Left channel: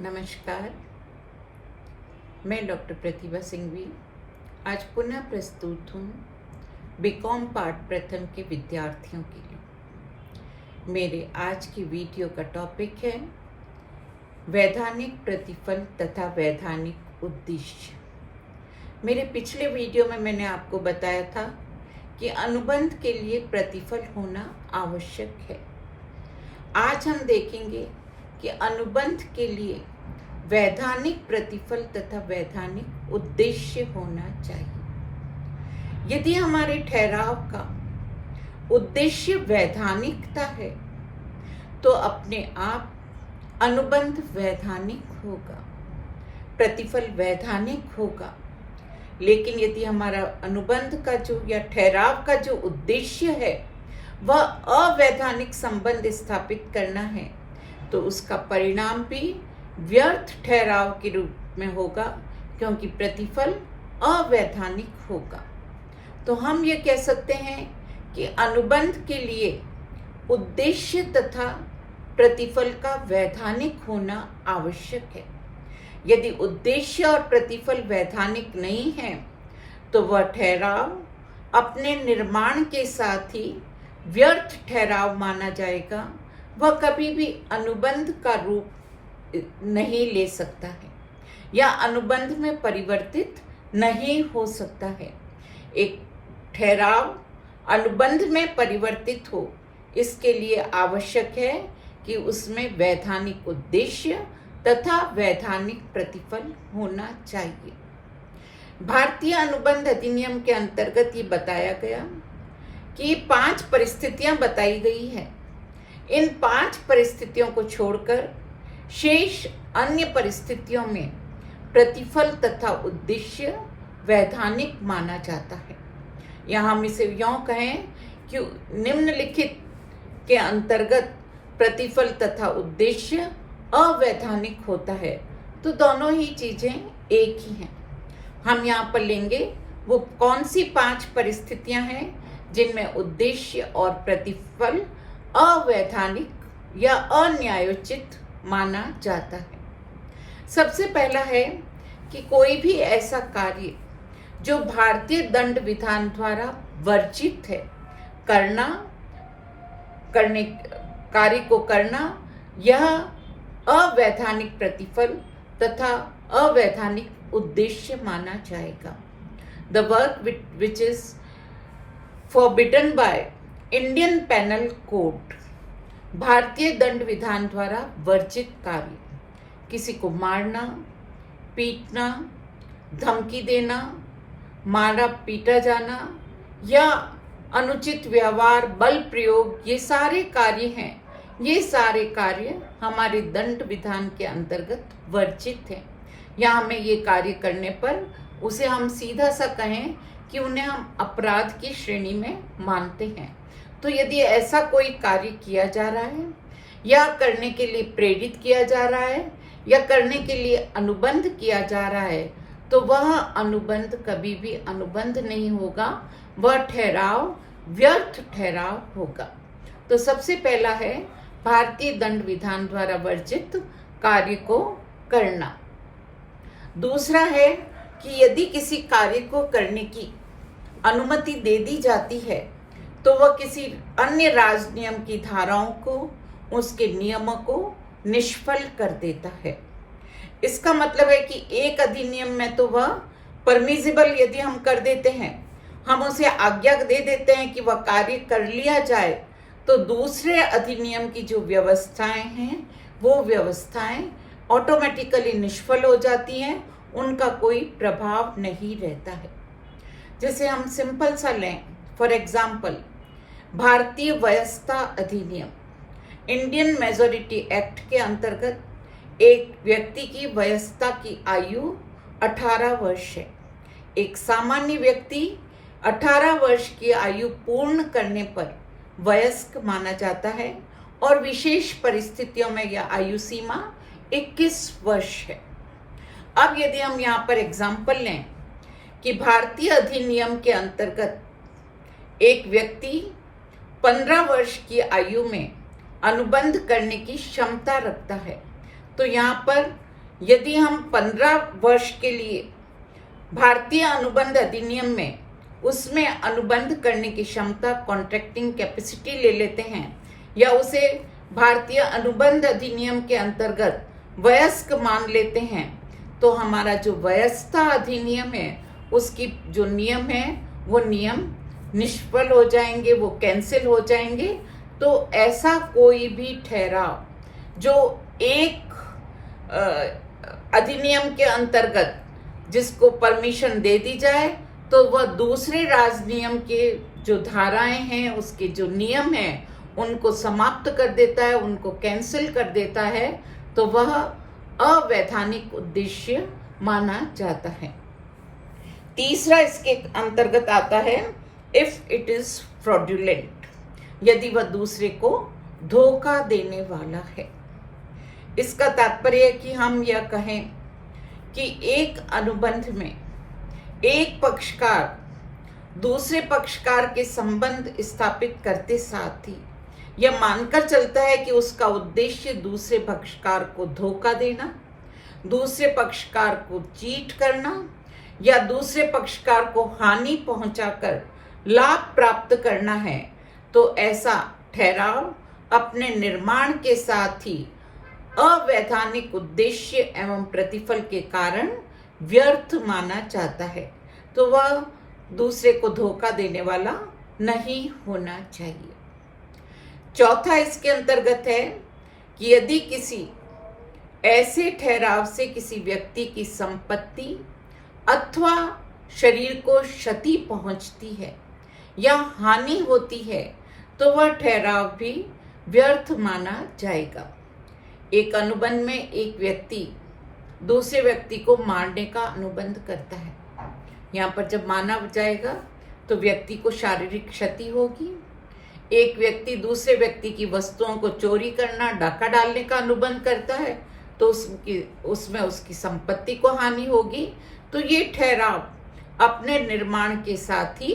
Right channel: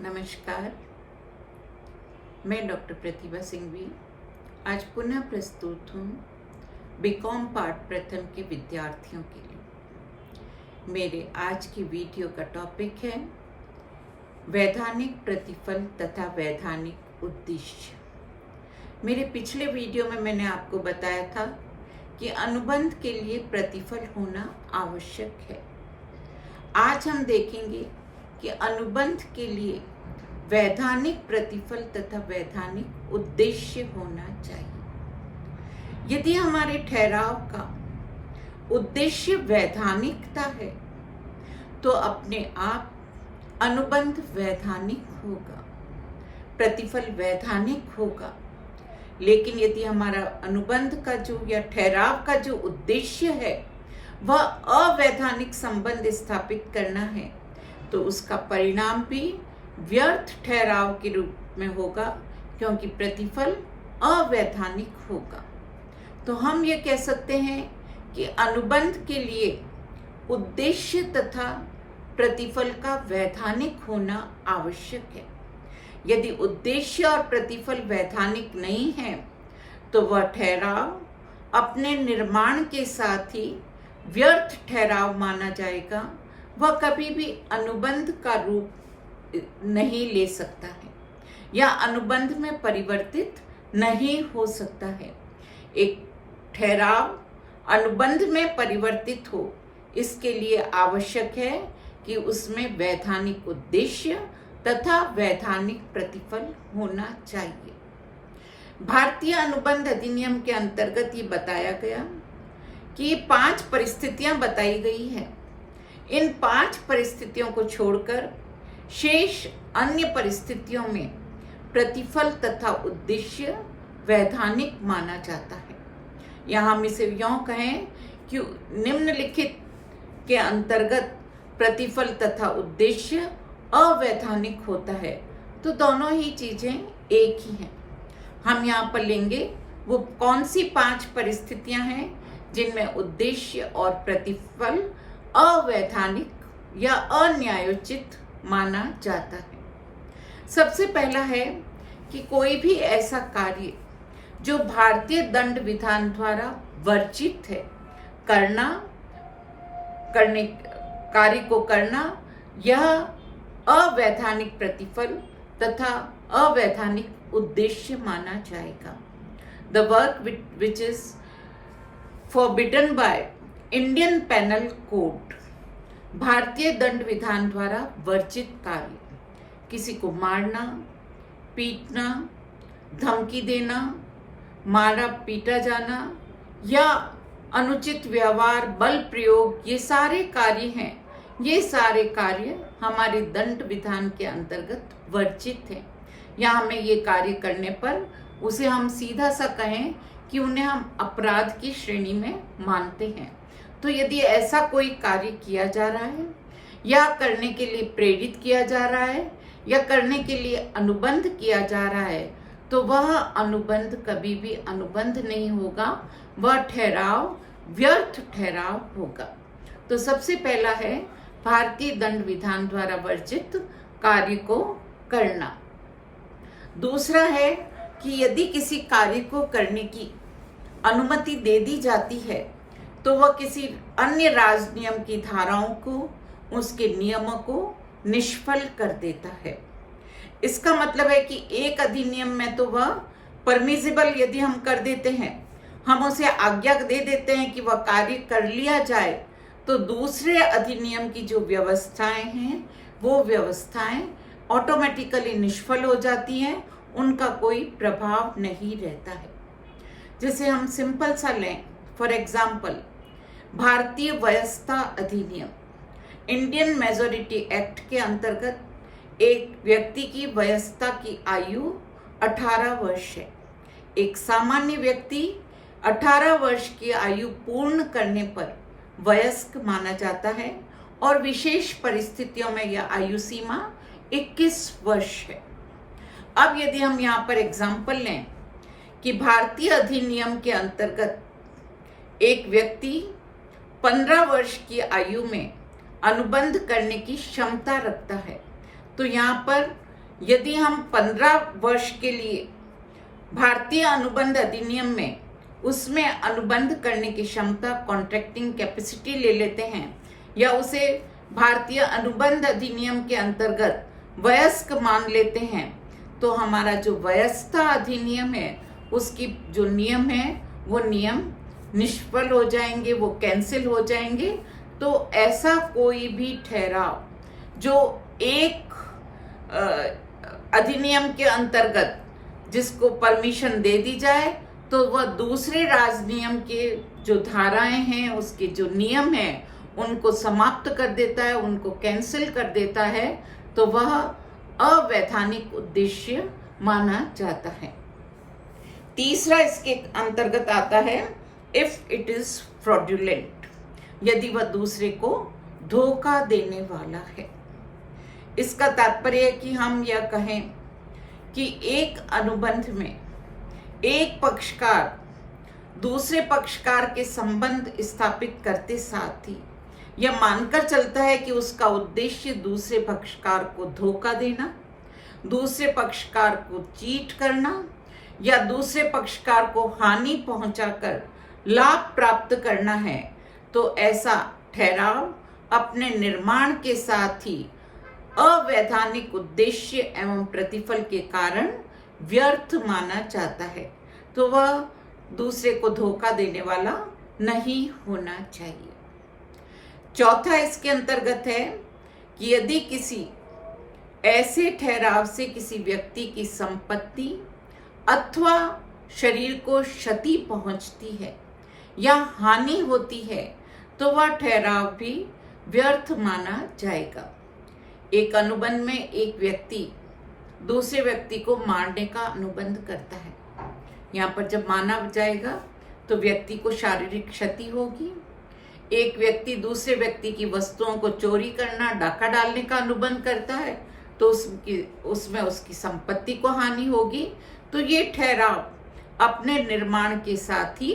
नमस्कार, मैं डॉक्टर प्रतिभा सिंघवी आज पुनः प्रस्तुत हूँ बीकॉम पार्ट प्रथम के विद्यार्थियों के लिए। मेरे आज की वीडियो का टॉपिक है वैधानिक प्रतिफल तथा वैधानिक उद्देश्य। मेरे पिछले वीडियो में मैंने आपको बताया था कि अनुबंध के लिए प्रतिफल होना आवश्यक है। आज हम देखेंगे कि अनुबंध के लिए वैधानिक प्रतिफल तथा वैधानिक उद्देश्य होना चाहिए। यदि हमारे ठहराव का उद्देश्य वैधानिकता है तो अपने आप अनुबंध वैधानिक होगा, प्रतिफल वैधानिक होगा। लेकिन यदि हमारा अनुबंध का जो या ठहराव का जो उद्देश्य है वह अवैधानिक संबंध स्थापित करना है तो उसका परिणाम भी व्यर्थ ठहराव के रूप में होगा, क्योंकि प्रतिफल अवैधानिक होगा। तो हम ये कह सकते हैं कि अनुबंध के लिए उद्देश्य तथा प्रतिफल का वैधानिक होना आवश्यक है। यदि उद्देश्य और प्रतिफल वैधानिक नहीं है तो वह ठहराव अपने निर्माण के साथ ही व्यर्थ ठहराव माना जाएगा। वह कभी भी अनुबंध का रूप नहीं ले सकता है या अनुबंध में परिवर्तित नहीं हो सकता है। एक ठहराव अनुबंध में परिवर्तित हो, इसके लिए आवश्यक है कि उसमें वैधानिक उद्देश्य तथा वैधानिक प्रतिफल होना चाहिए। भारतीय अनुबंध अधिनियम के अंतर्गत ये बताया गया कि 5 परिस्थितियां बताई गई है। इन 5 परिस्थितियों को छोड़कर शेष अन्य परिस्थितियों में प्रतिफल तथा उद्देश्य वैधानिक माना जाता है। यहाँ हम इसे यों कहें कि निम्नलिखित के अंतर्गत प्रतिफल तथा उद्देश्य अवैधानिक होता है तो दोनों ही चीजें एक ही हैं। हम यहाँ पर लेंगे वो कौन सी 5 परिस्थितियां हैं जिनमें उद्देश्य और प्रतिफल अवैधानिक या अन्यायोचित माना जाता है। सबसे पहला है कि कोई भी ऐसा कार्य जो भारतीय दंड विधान द्वारा वर्जित है कार्य को करना, यह अवैधानिक प्रतिफल तथा अवैधानिक उद्देश्य माना जाएगा। The work which is forbidden by Indian penal code, भारतीय दंड विधान द्वारा वर्जित कार्य, किसी को मारना, पीटना, धमकी देना, मारा पीटा जाना या अनुचित व्यवहार, बल प्रयोग, ये सारे कार्य हैं। ये सारे कार्य हमारे दंड विधान के अंतर्गत वर्जित हैं। या हमें ये कार्य करने पर उसे हम सीधा सा कहें कि उन्हें हम अपराध की श्रेणी में मानते हैं। तो यदि ऐसा कोई कार्य किया जा रहा है या करने के लिए प्रेरित किया जा रहा है या करने के लिए अनुबंध किया जा रहा है तो वह अनुबंध कभी भी अनुबंध नहीं होगा, वह ठहराव व्यर्थ ठहराव होगा। तो सबसे पहला है भारतीय दंड विधान द्वारा वर्जित कार्य को करना। दूसरा है कि यदि किसी कार्य को करने की अनुमति दे दी जाती है तो वह किसी अन्य राजनियम की धाराओं को, उसके नियमों को निष्फल कर देता है। इसका मतलब है कि एक अधिनियम में तो वह परमिजिबल यदि हम कर देते हैं, हम उसे आज्ञा दे देते हैं कि वह कार्य कर लिया जाए, तो दूसरे अधिनियम की जो व्यवस्थाएं हैं वो व्यवस्थाएं ऑटोमेटिकली निष्फल हो जाती हैं, उनका कोई प्रभाव नहीं रहता है। जैसे हम सिंपल सा लें, फॉर एग्जाम्पल भारतीय वयस्कता अधिनियम, इंडियन मेजोरिटी एक्ट के अंतर्गत एक व्यक्ति की वयस्कता की आयु 18 वर्ष है। एक सामान्य व्यक्ति 18 वर्ष की आयु पूर्ण करने पर वयस्क माना जाता है और विशेष परिस्थितियों में यह आयु सीमा 21 वर्ष है। अब यदि हम यहाँ पर एग्जाम्पल लें कि भारतीय अधिनियम के अंतर्गत एक व्यक्ति 15 वर्ष की आयु में अनुबंध करने की क्षमता रखता है, तो यहाँ पर यदि हम 15 वर्ष के लिए भारतीय अनुबंध अधिनियम में उसमें अनुबंध करने की क्षमता, कॉन्ट्रैक्टिंग कैपेसिटी ले लेते हैं, या उसे भारतीय अनुबंध अधिनियम के अंतर्गत वयस्क मान लेते हैं, तो हमारा जो वयस्कता अधिनियम है उसकी जो नियम है वो नियम निष्फल हो जाएंगे, वो कैंसिल हो जाएंगे। तो ऐसा कोई भी ठहराव जो एक अधिनियम के अंतर्गत जिसको परमिशन दे दी जाए, तो वह दूसरे राजनियम के जो धाराएं हैं, उसके जो नियम हैं, उनको समाप्त कर देता है, उनको कैंसिल कर देता है, तो वह अवैधानिक उद्देश्य माना जाता है। तीसरा इसके अंतर्गत आता है इफ इट इज फ्रॉडुलेंट, यदि वह दूसरे को धोखा देने वाला है। इसका तात्पर्य है कि हम यह कहें कि एक अनुबंध में एक पक्षकार दूसरे पक्षकार के संबंध स्थापित करते साथ ही यह मानकर चलता है कि उसका उद्देश्य दूसरे पक्षकार को धोखा देना, दूसरे पक्षकार को चीट करना या दूसरे पक्षकार को हानि पहुंचाकर लाभ प्राप्त करना है, तो ऐसा ठहराव अपने निर्माण के साथ ही अवैधानिक उद्देश्य एवं प्रतिफल के कारण व्यर्थ माना जाता है। तो वह दूसरे को धोखा देने वाला नहीं होना चाहिए। चौथा इसके अंतर्गत है कि यदि किसी ऐसे ठहराव से किसी व्यक्ति की संपत्ति अथवा शरीर को क्षति पहुंचती है या हानि होती है, तो वह ठहराव भी व्यर्थ माना जाएगा। एक अनुबंध में एक व्यक्ति दूसरे व्यक्ति को मारने का अनुबंध करता है। यहाँ पर जब माना जाएगा तो व्यक्ति को शारीरिक क्षति होगी। एक व्यक्ति दूसरे व्यक्ति की वस्तुओं को चोरी करना, डाका डालने का अनुबंध करता है, तो उसमें उसकी संपत्ति को हानि होगी। तो ये ठहराव अपने निर्माण के साथ ही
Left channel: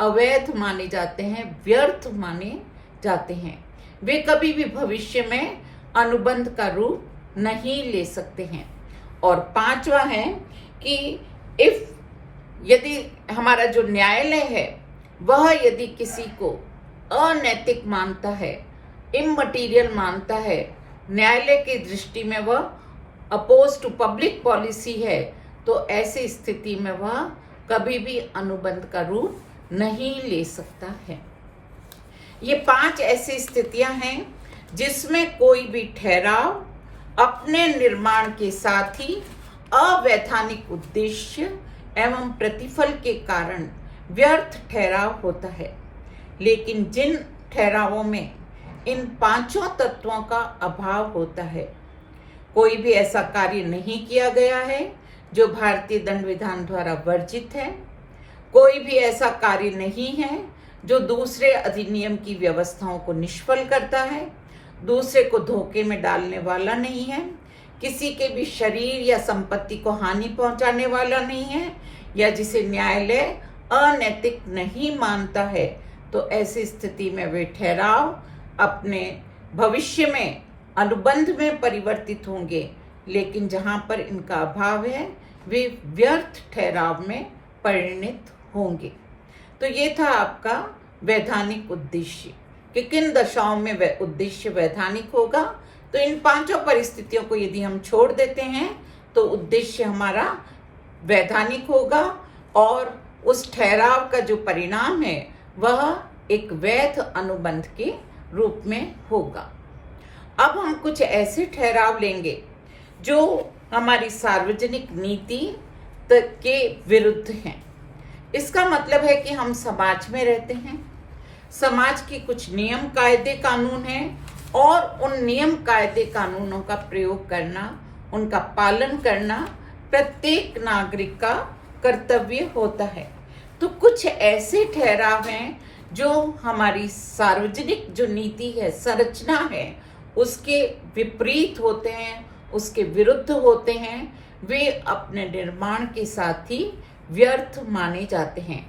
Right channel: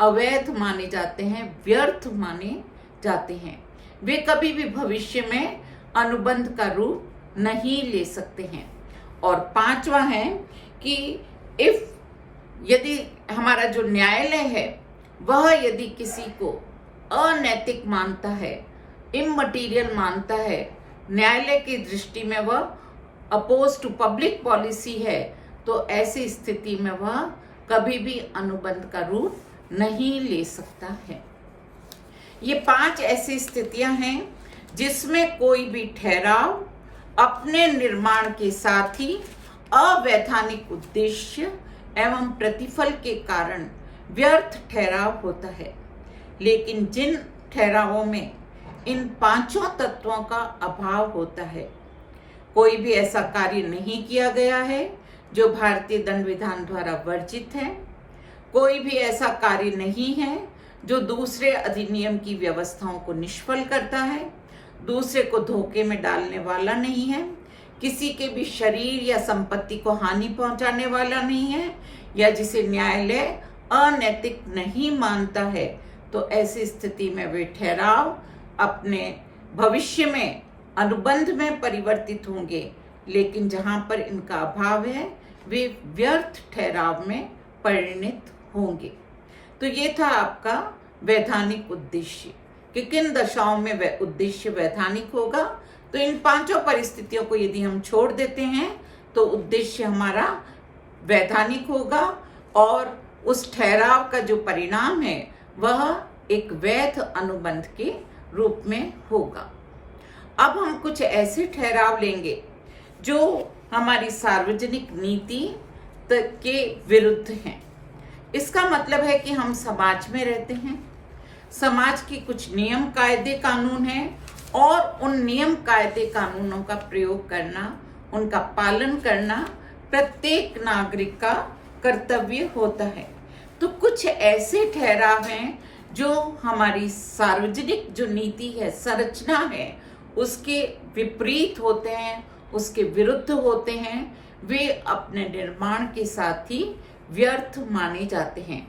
अवैध माने जाते हैं, व्यर्थ माने जाते हैं। वे कभी भी भविष्य में अनुबंध का रूप नहीं ले सकते हैं। और पांचवा है कि यदि हमारा जो न्यायालय है वह यदि किसी को अनैतिक मानता है, इममटीरियल मानता है, न्यायालय की दृष्टि में वह अपोज टू पब्लिक पॉलिसी है, तो ऐसी स्थिति में वह कभी भी अनुबंध का रूप नहीं ले सकता है। ये 5 ऐसी स्थितियां हैं जिसमें कोई भी ठहराव अपने निर्माण के साथ ही अवैधानिक उद्देश्य एवं प्रतिफल के कारण व्यर्थ ठहराव होता है। लेकिन जिन ठहरावों में इन 5 तत्वों का अभाव होता है, कोई भी ऐसा कार्य नहीं किया गया है जो भारतीय दंड विधान द्वारा वर्जित है, कोई भी ऐसा कार्य नहीं है जो दूसरे अधिनियम की व्यवस्थाओं को निष्फल करता है, दूसरे को धोखे में डालने वाला नहीं है, किसी के भी शरीर या संपत्ति को हानि पहुंचाने वाला नहीं है, या जिसे न्यायालय अनैतिक नहीं मानता है, तो ऐसी स्थिति में वे ठहराव अपने भविष्य में अनुबंध में परिवर्तित होंगे। लेकिन जहां पर इनका अभाव है वे व्यर्थ ठहराव में परिणत होंगे। तो ये था आपका वैधानिक उद्देश्य कि किन दशाओं में वह उद्देश्य वैधानिक होगा। तो इन 5 परिस्थितियों को यदि हम छोड़ देते हैं तो उद्देश्य हमारा वैधानिक होगा और उस ठहराव का जो परिणाम है वह एक वैध अनुबंध के रूप में होगा। अब हम कुछ ऐसे ठहराव लेंगे जो हमारी सार्वजनिक नीति के विरुद्ध हैं। इसका मतलब है कि हम समाज में रहते हैं, समाज के कुछ नियम कायदे कानून हैं और उन नियम कायदे कानूनों का प्रयोग करना, उनका पालन करना प्रत्येक नागरिक का कर्तव्य होता है। तो कुछ ऐसे ठहराव हैं जो हमारी सार्वजनिक जो नीति है, संरचना है, उसके विपरीत होते हैं, उसके विरुद्ध होते हैं। वे अपने निर्माण के साथ ही व्यर्थ माने जाते हैं।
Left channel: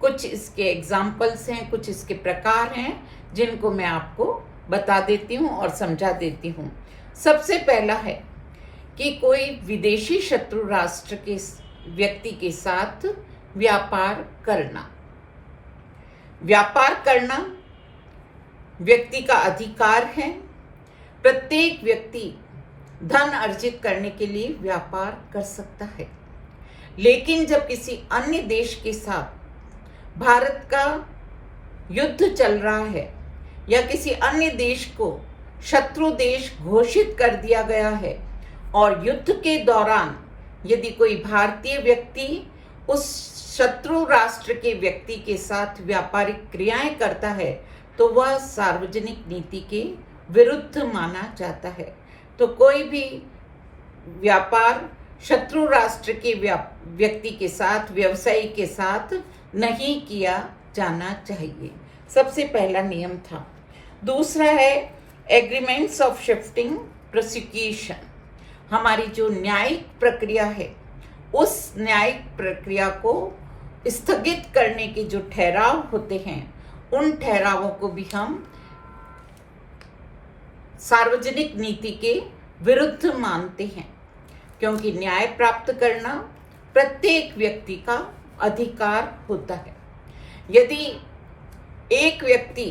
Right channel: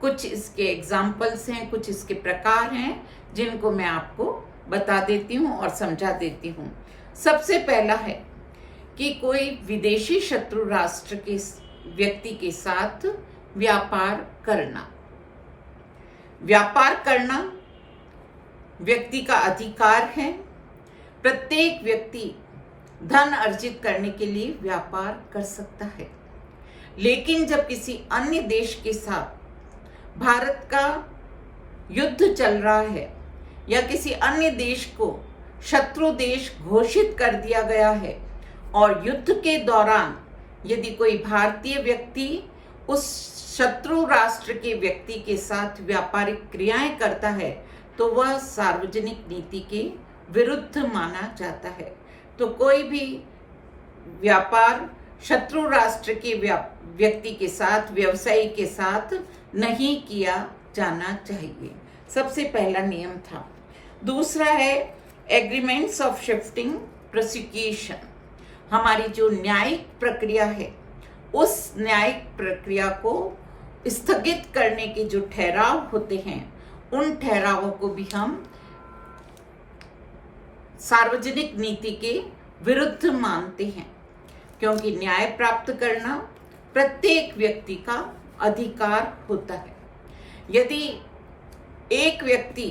कुछ इसके एग्जाम्पल्स हैं, कुछ इसके प्रकार हैं जिनको मैं आपको बता देती हूँ और समझा देती हूँ। सबसे पहला है कि कोई विदेशी शत्रु राष्ट्र के व्यक्ति के साथ व्यापार करना। व्यापार करना व्यक्ति का अधिकार है। प्रत्येक व्यक्ति धन अर्जित करने के लिए व्यापार कर सकता है, लेकिन जब किसी अन्य देश के साथ भारत का युद्ध चल रहा है या किसी अन्य देश को शत्रु देश घोषित कर दिया गया है और युद्ध के दौरान यदि कोई भारतीय व्यक्ति उस शत्रु राष्ट्र के व्यक्ति के साथ व्यापारिक क्रियाएं करता है तो वह सार्वजनिक नीति के विरुद्ध माना जाता है। तो कोई भी व्यापार शत्रु राष्ट्र के व्यक्ति के साथ, व्यवसायी के साथ नहीं किया जाना चाहिए। सबसे पहला नियम था। दूसरा है एग्रीमेंट्स ऑफ शिफ्टिंग प्रोसिक्यूशन। हमारी जो न्यायिक प्रक्रिया है उस न्यायिक प्रक्रिया को स्थगित करने के जो ठहराव होते हैं उन ठहरावों को भी हम सार्वजनिक नीति के विरुद्ध मानते हैं, क्योंकि न्याय प्राप्त करना प्रत्येक व्यक्ति का अधिकार होता है। यदि एक व्यक्ति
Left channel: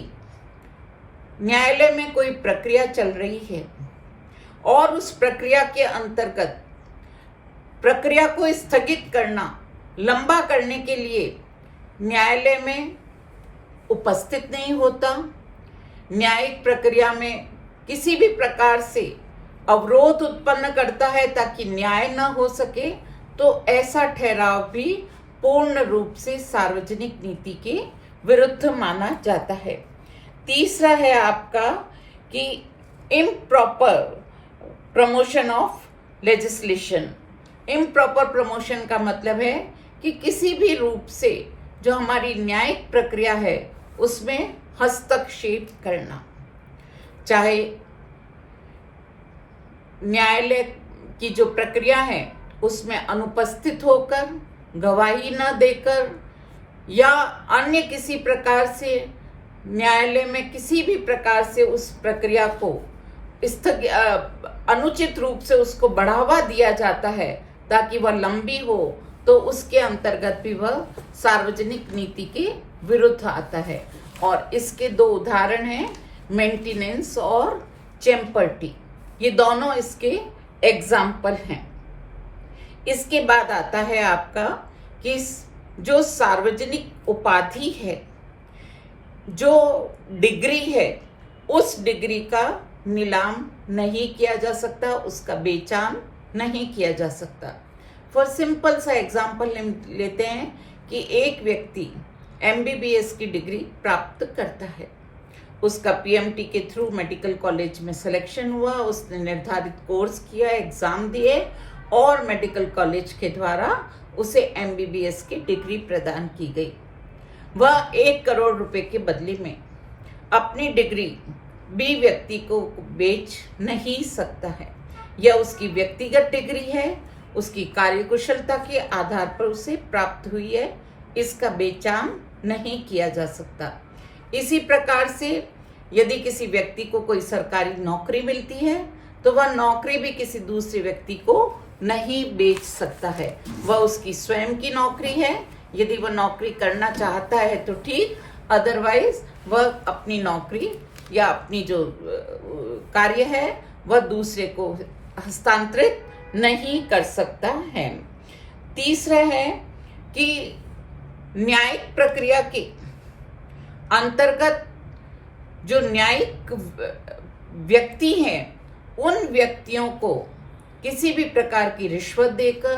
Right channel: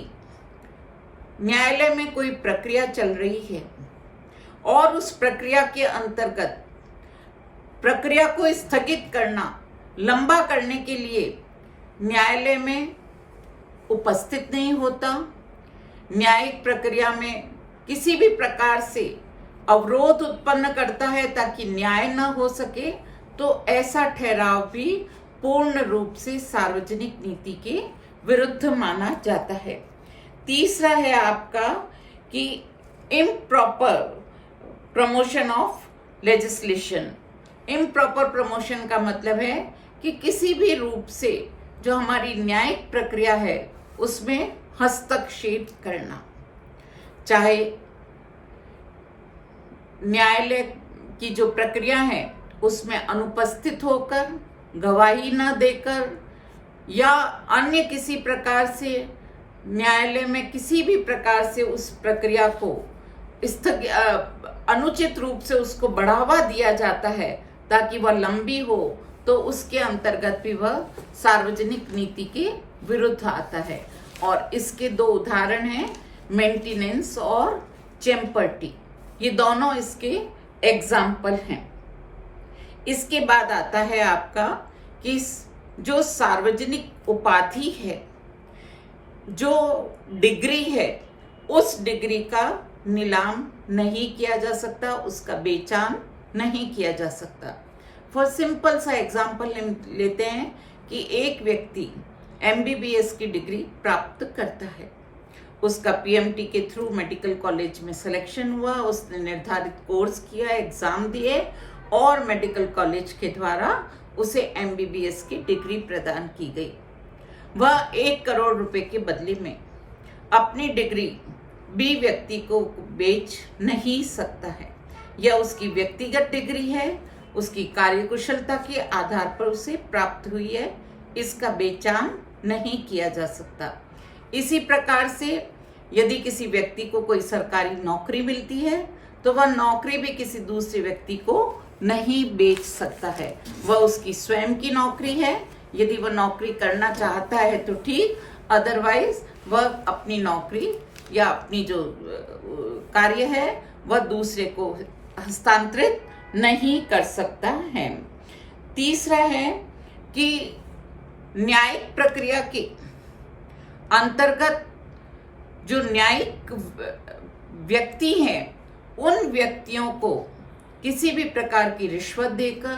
न्यायालय में कोई प्रक्रिया चल रही है और उस प्रक्रिया के अंतर्गत प्रक्रिया को स्थगित करना, लंबा करने के लिए न्यायालय में उपस्थित नहीं होता, न्यायिक प्रक्रिया में किसी भी प्रकार से अवरोध उत्पन्न करता है ताकि न्याय न हो सके, तो ऐसा ठहराव भी पूर्ण रूप से सार्वजनिक नीति के विरुद्ध माना जाता है। तीसरा है आपका कि improper promotion of legislation. Improper promotion का मतलब है कि किसी भी रूप से जो हमारी न्यायिक प्रक्रिया है उसमें हस्तक्षेप करना, चाहे न्यायालय की जो प्रक्रिया है उसमें अनुपस्थित होकर, गवाही न देकर या अन्य किसी प्रकार से न्यायालय में किसी भी प्रकार से उस प्रक्रिया को अनुचित रूप से उसको बढ़ावा दिया जाता है ताकि वह लंबी हो, तो उसके अंतर्गत भी वह सार्वजनिक नीति के विरुद्ध आता है। और इसके दो उदाहरण हैं, मेंटेनेंस और चैम्पर्टी। ये दोनों इसके एग्जाम्पल हैं। इसके बाद आता है आपका कि जो सार्वजनिक उपाधि है, जो डिग्री है, उस डिग्री का नीलाम नहीं किया जा सकता, उसका बेचान नहीं किया जा सकता। फॉर सिंपल सा एग्जाम्पल लेते हैं कि एक व्यक्ति MBBS की डिग्री प्राप्त करता है, उसका PMT के थ्रू मेडिकल कॉलेज में सिलेक्शन हुआ, उसने निर्धारित कोर्स किया, एग्जाम दिए और मेडिकल कॉलेज के द्वारा उसे MBBS की डिग्री प्रदान की गई। वह 1 करोड़ रुपए के बदले में अपनी डिग्री B व्यक्ति को बेच नहीं सकता है। यह उसकी व्यक्तिगत डिग्री है, उसकी कार्यकुशलता के आधार पर उसे प्राप्त हुई है, इसका बेचान नहीं किया जा सकता। इसी प्रकार से यदि किसी व्यक्ति को कोई सरकारी नौकरी मिलती है तो वह नौकरी भी किसी दूसरे व्यक्ति को नहीं बेच सकता है, वह उसकी स्वयं की नौकरी है। यदि वह नौकरी करना चाहता है तो ठीक, अदरवाइज वह अपनी नौकरी या अपनी जो कार्य है वह दूसरे को हस्तांतरित नहीं कर सकता है। तीसरा है कि न्यायिक प्रक्रिया के अंतर्गत जो न्यायिक व्यक्ति हैं उन व्यक्तियों को किसी भी प्रकार की रिश्वत देकर,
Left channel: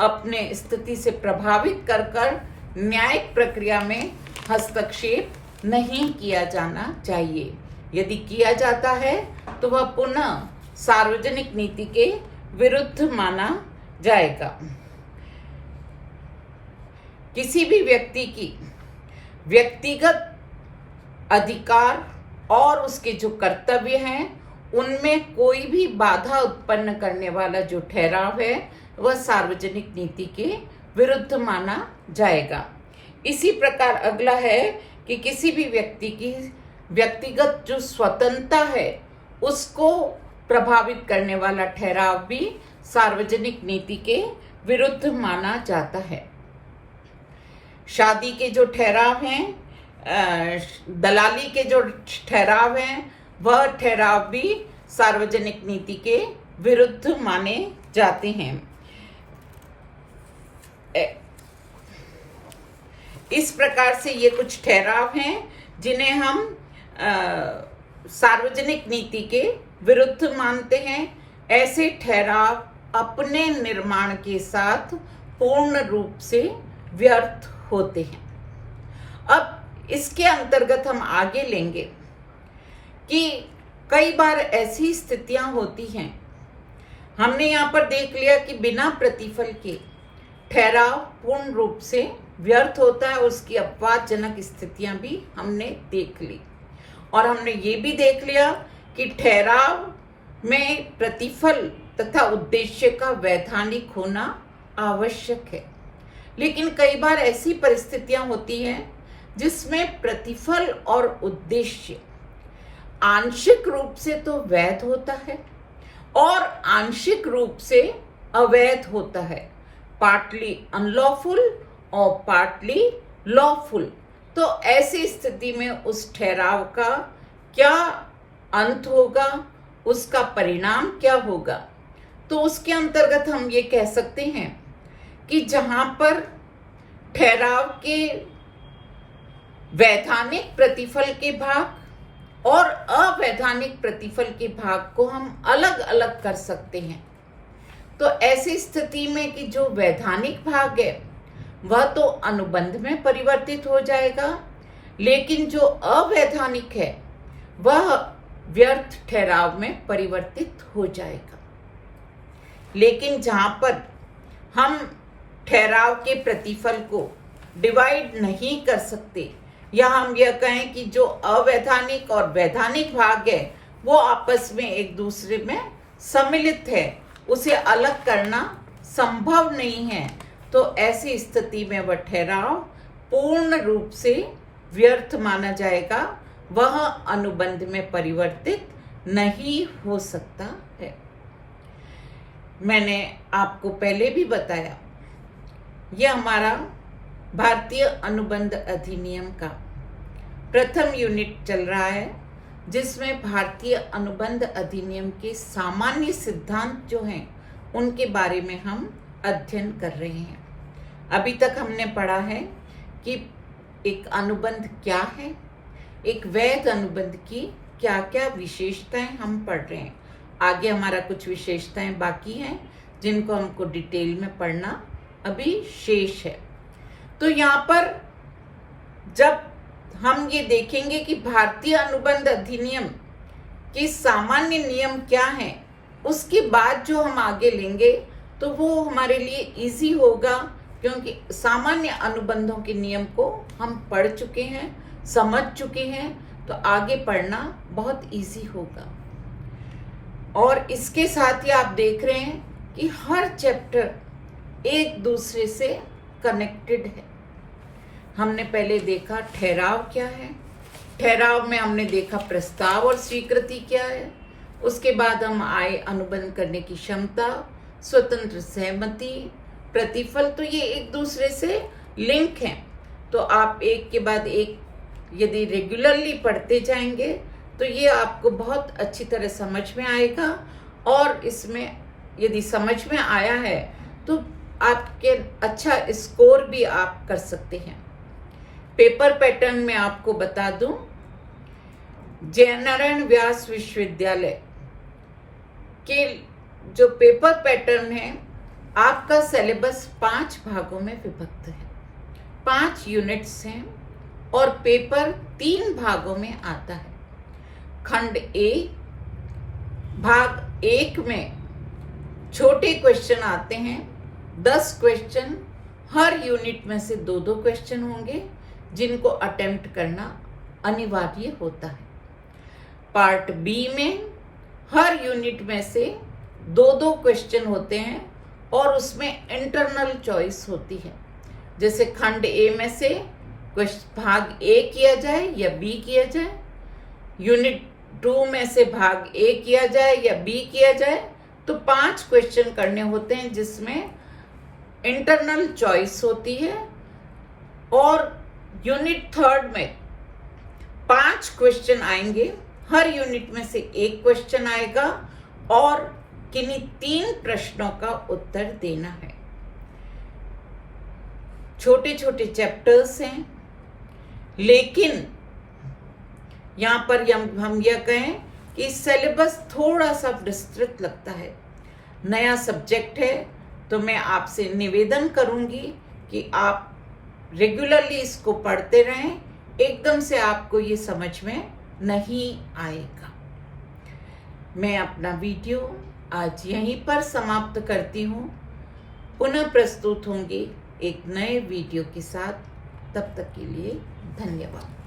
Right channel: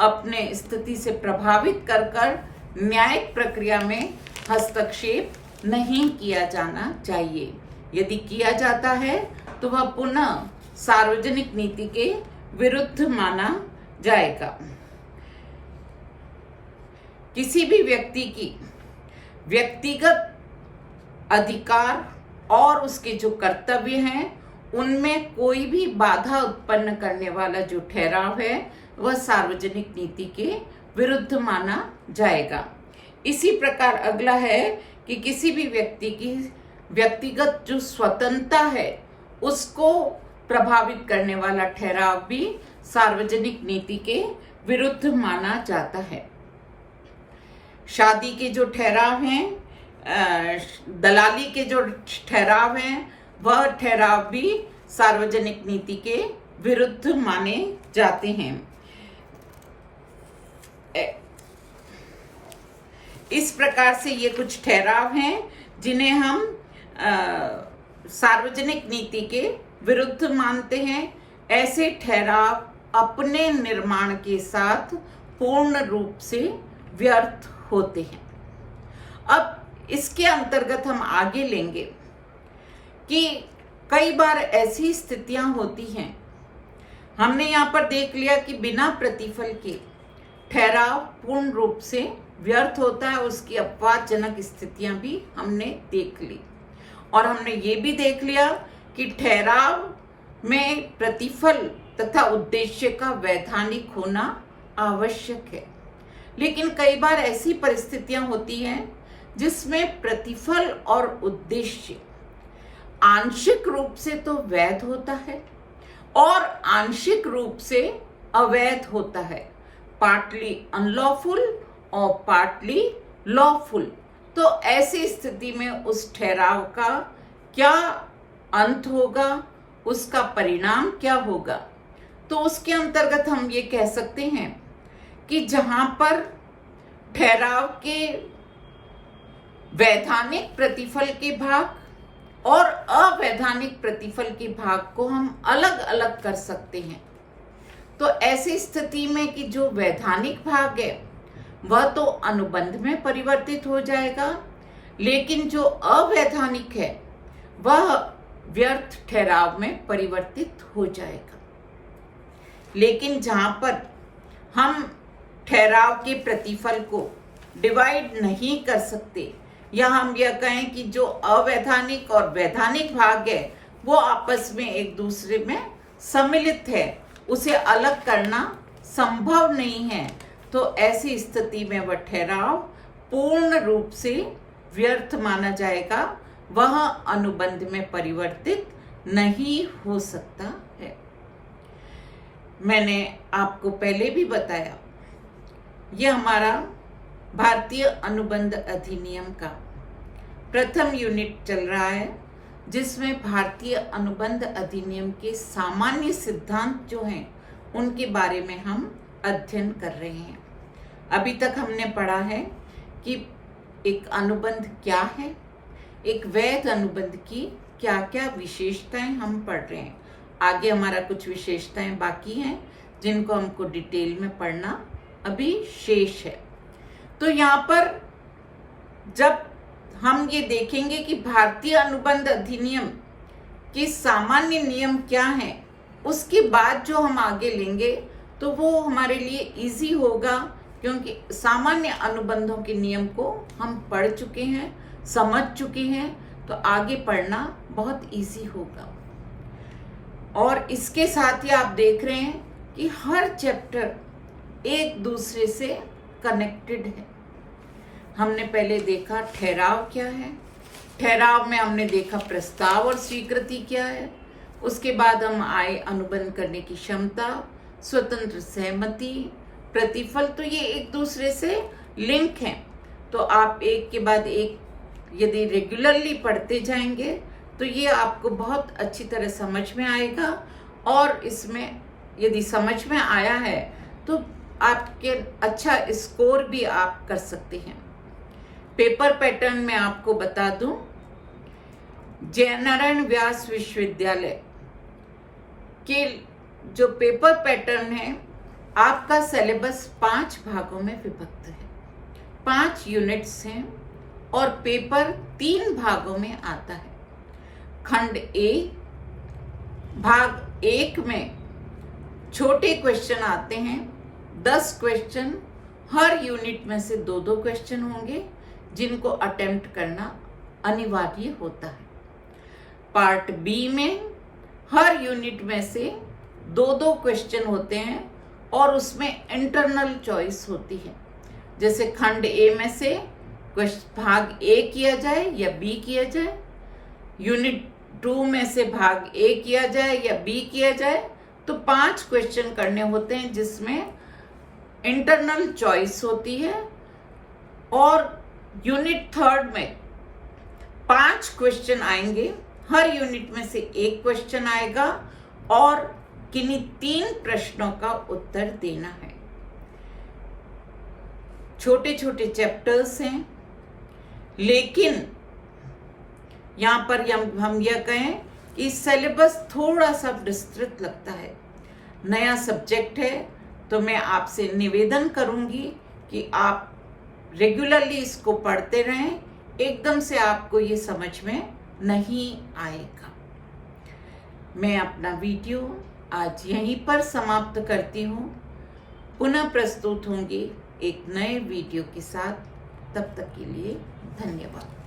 अपने स्थिति से प्रभावित कर न्यायिक प्रक्रिया में हस्तक्षेप नहीं किया जाना चाहिए। यदि किया जाता है तो वह पुनः सार्वजनिक नीति के विरुद्ध माना जाएगा। किसी भी व्यक्ति की व्यक्तिगत अधिकार और उसके जो कर्तव्य हैं उनमें कोई भी बाधा उत्पन्न करने वाला जो ठहराव है वह सार्वजनिक नीति के विरुद्ध माना जाएगा। इसी प्रकार अगला है कि किसी भी व्यक्ति की व्यक्तिगत जो स्वतंत्रता है उसको प्रभावित करने वाला ठहराव भी सार्वजनिक नीति के विरुद्ध माना जाता है। शादी के जो ठहराव हैं, दलाली के जो ठहराव हैं, वह ठहराव भी सार्वजनिक नीति के विरुद्ध माने जाते हैं। इस प्रकार से ये कुछ ठहराव हैं जिन्हें हम सार्वजनिक नीति के विरुद्ध मानते हैं। ऐसे ठहराव अपने निर्माण के साथ पूर्ण रूप से व्यर्थ होते हैं। अब इसके अंतर्गत हम आगे लेंगे कि कई बार ऐसी स्थितियां होती हैं, हमने यहाँ पर देख लिया कि बिना प्रतिफल के ठहराव पूर्ण रूप से व्यर्थ होता है, उसकी अपवादजनक स्थितियां भी हमने देख ली। और हमने ये भी देख लिया कि ठहराव में प्रतिफल तथा उद्देश्य का वैधानिक होना आवश्यक है। लेकिन कई बार ऐसी परिस्थितियां होती हैं जिसमें प्रतिफल और उद्देश्य आंशिक रूप से तो वैध होता है और आंशिक रूप से अवैध होता है, पार्टली अनलॉफुल और पार्टली लॉफुल। तो ऐसी स्थिति में उस ठहराव का क्या अंत होगा, उसका परिणाम क्या होगा? तो उसके अंतर्गत हम ये कह सकते हैं कि जहां पर ठहराव के वैधानिक प्रतिफल के भाग और अवैधानिक प्रतिफल के भाग को हम अलग अलग कर सकते हैं, तो ऐसी स्थिति में कि जो वैधानिक भाग है वह तो अनुबंध में परिवर्तित हो जाएगा, लेकिन जो अवैधानिक है वह व्यर्थ ठहराव में परिवर्तित हो जाएगा। लेकिन जहां पर हम ठहराव के प्रतिफल को डिवाइड नहीं कर सकते, या हम यह कहें कि जो अवैधानिक और वैधानिक भाग है वो आपस में एक दूसरे में सम्मिलित है, उसे अलग करना संभव नहीं है, तो ऐसी स्थिति में वह ठहराव पूर्ण रूप से व्यर्थ माना जाएगा, वह अनुबंध में परिवर्तित नहीं हो सकता है। मैंने आपको पहले भी बताया, यह हमारा भारतीय अनुबंध अधिनियम का प्रथम यूनिट चल रहा है, जिसमें भारतीय अनुबंध अधिनियम के सामान्य सिद्धांत जो हैं उनके बारे में हम अध्ययन कर रहे हैं। अभी तक हमने पढ़ा है कि एक अनुबंध क्या है, एक वैध अनुबंध की क्या क्या विशेषताएं हम पढ़ रहे हैं। आगे हमारा कुछ विशेषताएं बाकी हैं जिनको हमको डिटेल में पढ़ना अभी शेष है। तो यहाँ पर जब हम ये देखेंगे कि भारतीय अनुबंध अधिनियम के सामान्य नियम क्या हैं, उसके बाद जो हम आगे लेंगे तो वो हमारे लिए इजी होगा, क्योंकि सामान्य अनुबंधों के नियम को हम पढ़ चुके हैं, समझ चुके हैं, तो आगे पढ़ना बहुत इजी होगा। और इसके साथ ही आप देख रहे हैं कि हर चैप्टर एक दूसरे से कनेक्टेड है। हमने पहले देखा ठहराव क्या है, ठहराव में हमने देखा प्रस्ताव और स्वीकृति क्या है, उसके बाद हम आए अनुबंध करने की क्षमता, स्वतंत्र सहमति, प्रतिफल। तो ये एक दूसरे से लिंक हैं, तो आप एक के बाद एक यदि रेगुलरली पढ़ते जाएंगे तो ये आपको बहुत अच्छी तरह समझ में आएगा, और इसमें यदि समझ में आया है तो आपके अच्छा स्कोर भी आप कर सकते हैं। पेपर पैटर्न में आपको बता दूं, जयनारायण व्यास विश्वविद्यालय के जो पेपर पैटर्न है, आपका सिलेबस 5 भागों में विभक्त है, 5 यूनिट्स हैं और पेपर 3 भागों में आता है। खंड ए भाग 1 में छोटे क्वेश्चन आते हैं, 10 क्वेश्चन, हर यूनिट में से 2-2 क्वेश्चन होंगे जिनको अटेम्प्ट करना अनिवार्य होता है। पार्ट बी में हर यूनिट में से 2-2 क्वेश्चन होते हैं और उसमें इंटरनल चॉइस होती है। जैसे खंड ए में से भाग ए किया जाए या बी किया जाए, यूनिट 2 में से भाग ए किया जाए या बी किया जाए, तो 5 क्वेश्चन करने होते हैं, जिसमें इंटरनल चॉइस होती है, और यूनिट 3 में 5 क्वेश्चन आएंगे। हर यूनिट में से एक क्वेश्चन आएगा और किन्हीं 3 प्रश्नों का उत्तर देना है। छोटे छोटे चैप्टर्स हैं, लेकिन यहां पर हम यह कहें कि सिलेबस थोड़ा सा विस्तृत लगता है। नया सब्जेक्ट है, तो मैं आपसे निवेदन करूंगी कि आप रेगुलरली इसको पढ़ते रहें। एकदम से आपको ये समझ में नहीं आएगा। मैं अपना वीडियो आज यहीं पर समाप्त करती हूँ। पुनः प्रस्तुत होंगी एक नए वीडियो के साथ। तब तक के लिए धन्यवाद।